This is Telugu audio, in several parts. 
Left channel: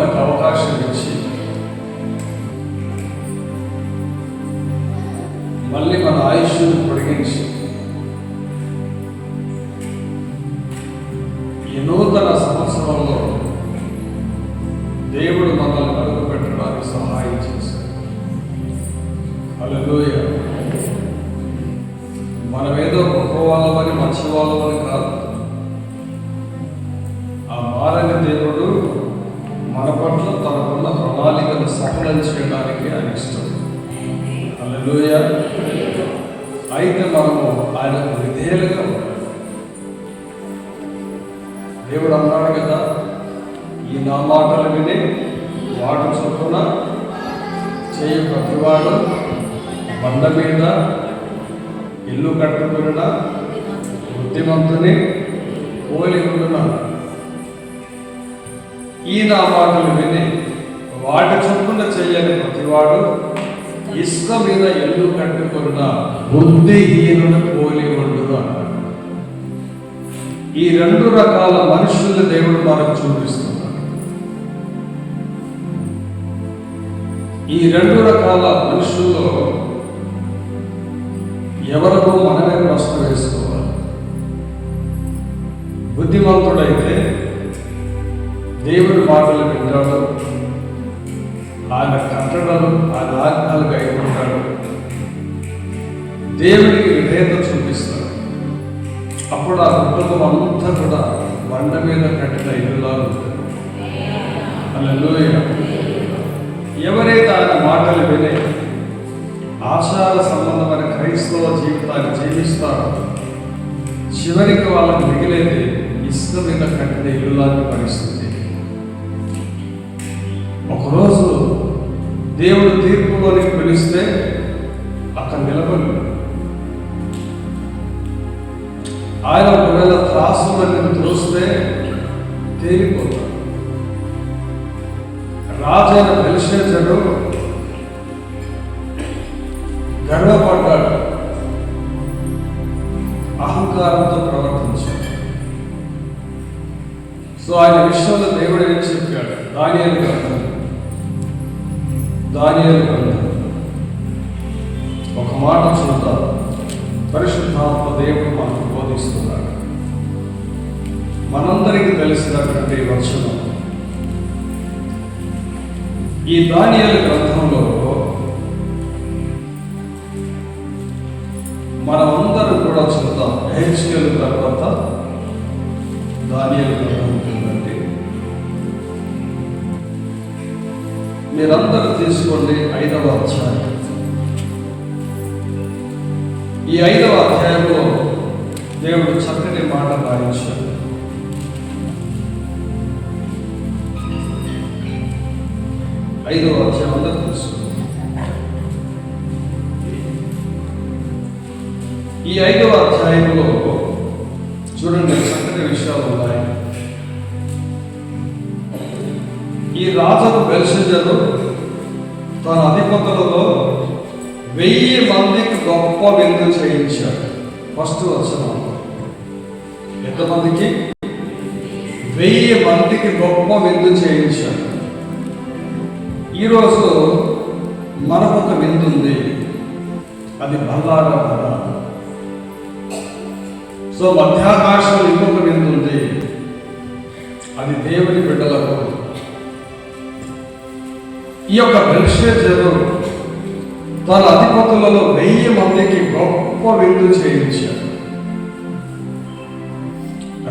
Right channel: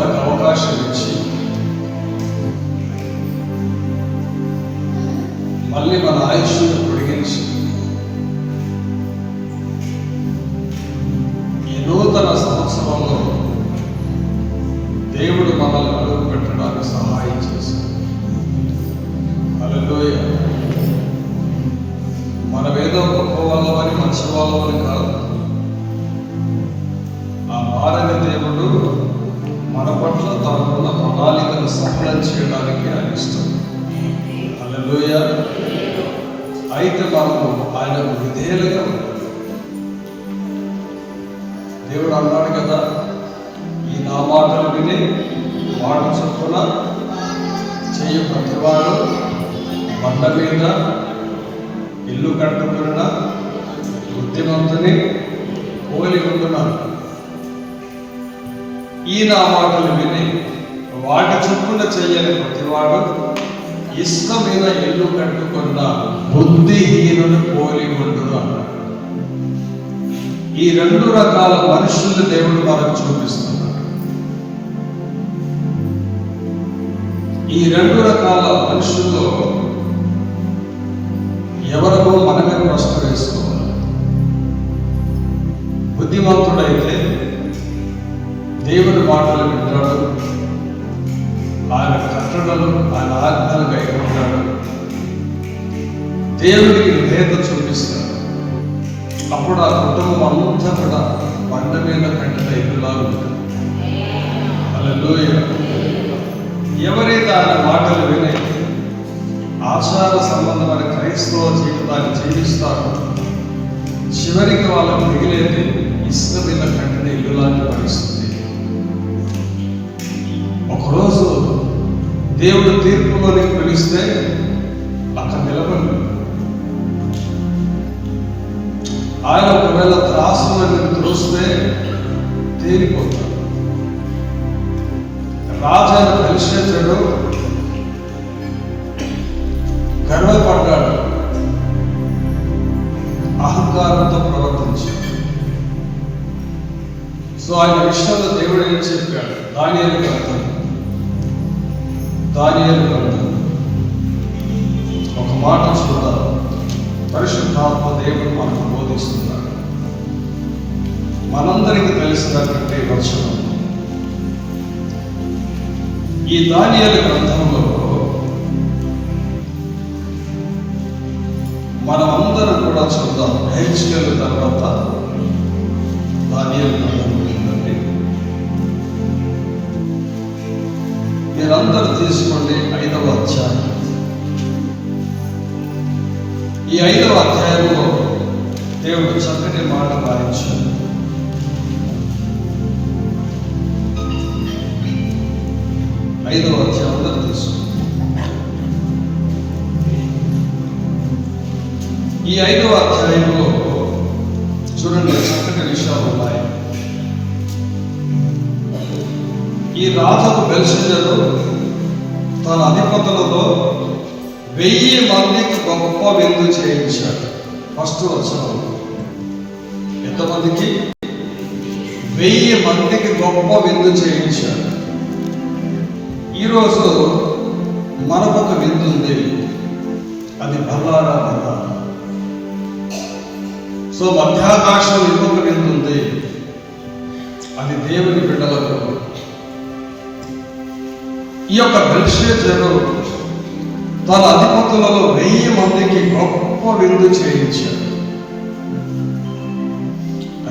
మనకు అవకాశం ఇచ్చి మళ్ళీ మన ఆయుష్ను పొడిగించి ఈ నూతన సంవత్సరంలో దేవుడు మనల్ని అడుగు పెట్టడానికి సహాయం చేశాడు. హల్లెలూయా. మనం ఏదో గొప్ప వాళ్ళమని మంచి వాళ్ళమని కాదు. ఆ మారని దేవుడు మన పట్ల తనకున్న ప్రణాళికను సఫలం చేయడానికి ఆయన ఇష్టం. హల్లెలూయా. అయితే మనము ఆయనకు విధేయులుగా దేవుడు అన్నాడు కదా, ఈ నా మాటలు విని వాడు చొప్పున చేయ ప్రతివాడు బండ మీద ఇల్లు కట్టుకున్న బుద్ధిమంతుని పోలి ఉంటున్నాను. ఈ నా మాటలు విని వాటి చొప్పున చేయని ప్రతివాడు ఇష్టం మీద ఇల్లు కట్టుకున్న బుద్ధిహీనుడు పోలి ఉండు అన్నాడు. ఈ రెండు రకాల మనుషులు దేవుడు మనకు చూపిస్తున్నాడు. ఈ రెండు రకాల మనుషుల్లో ఎవరు మనమే ప్రశ్న వేసుకోవాలి. బుద్ధిమంతుడైతే దేవుడి మాటలు వింటాడు, ఆయన కట్టడలు ఆయన ఆజ్ఞలు కైకుంటాడు, దేవుడికి విధేయత చూపిస్తాడు. అప్పుడు ఆ కుటుంబం అంతా కూడా బండ మీద కట్టిన ఇల్లులా ఉంటుంది. హల్లెలూయా. ఎవరైతే ఆయన మాటలు విని ఆచార సంబంధమైన క్రైస్తవ జీవితాన్ని జీవిస్తారో చివరికి వాళ్ళకు మిగిలేది ఇసుక మీద కట్టిన ఇల్లు లాంటి పరిస్థితి. ఒకరోజు దేవుడు తీర్పులోని పిలిస్తే అక్కడ నిలబడి ఆయన ఒకవేళ త్రాసులను త్రోస్తే తేలిపోతాడు. రాజైన బెల్షస్సరు గర్వపడ్డాడు, అహంకారంతో ప్రవర్తించాడు. సో ఆయన విషయంలో దేవుడు ఏం చెప్పాడు? దానియేలు గ్రంథం ఒక మాట చూద్దాం. పరిశుద్ధాత్మ దేవుడు మనకు బోధిస్తున్నాడు. మనందరికీ తెలిసినటువంటి వచనం ఈ దానియేలు గ్రంథంలో మనమందరం కూడా చూద్దాం. హెజ్కేలు తర్వాత దానియేలు గ్రంథం ఉంటుందండి. మీరందరూ తీసుకోండి 5వ అధ్యాయం. ఈ 5వ అధ్యాయంలో దేవుడు చక్కటి మాట రాయించాడు. ఐదవ అధ్యాయం అందరూ తెలుసుకోండి. ఈ 5వ అధ్యాయంలో చూడండి చక్కటి విషయాలు ఉన్నాయి. ఈ రాజు బెల్షస్సరు తన అధిపతులలో 1000 మందికి గొప్ప విందు చేయించాడు. ఫస్ట్ వచనం. ఎంతమందికి? 1000 మందికి గొప్ప విందు చేయించాడు. ఈరోజు మనకొక విందు ఉంది, అది బల్లారాధన. సో మధ్యాకాశం ఇంకొక విందు ఉంది, అది దేవుని బిడ్డలకు. ఈ యొక్క బెల్షస్సరు తన అధిపతులలో 1000 మందికి గొప్ప విందు చేయించాడు.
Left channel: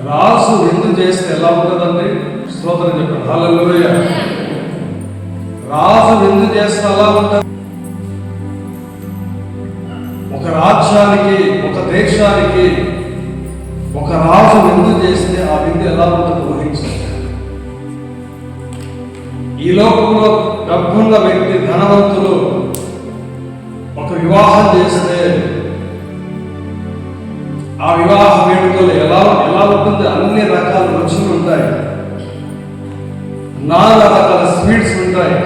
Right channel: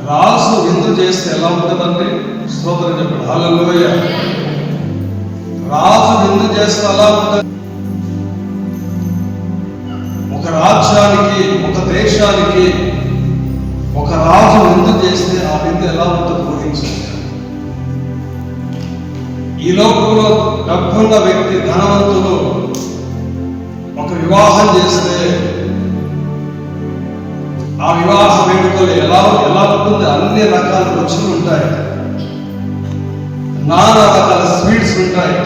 రాజు విందు చేస్తే ఎలా ఉంటుందండి? స్తోత్రం చెప్పాడు. హల్లెలూయా. రాజు విందు చేస్తే ఎలా ఉంటుంది? ఒక రాజ్యానికి, ఒక దేశానికి ఒక రాజు విందు చేస్తే ఆ విందు ఎలా ఉంటుందో గ్రహించాలి. ఈ లోకంలో డబ్బున్న వ్యక్తి, ధనవంతులు ఒక వివాహం చేస్తే ఆ వివాహ వేడుకలు ఎలా ఉంటుంది? అన్ని రకాల రుచులు ఉంటాయి, నానా రకాల స్వీట్స్ ఉంటాయి,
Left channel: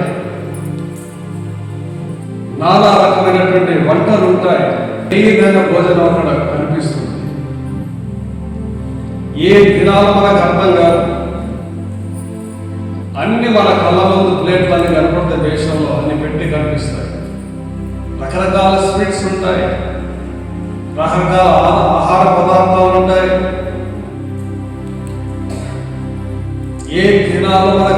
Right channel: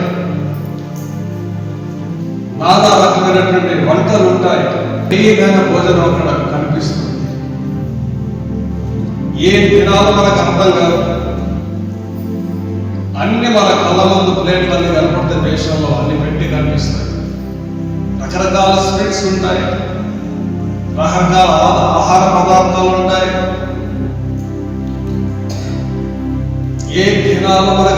నానా రకమైనటువంటి వంటలు ఉంటాయి. ఏదైనా భోజనం అక్కడ కనిపిస్తుంది. ఏం తినాలో మనకు అర్థం కాదు. అన్ని మన కళ్ళ ముందు ప్లేట్లు అన్ని కనపడితే దేశంలో అన్ని పెట్టి కనిపిస్తాయి. రకరకాల స్వీట్స్ ఉంటాయి, రకరకాల ఆహార పదార్థాలు ఉంటాయి. ఏ దినాలు మరి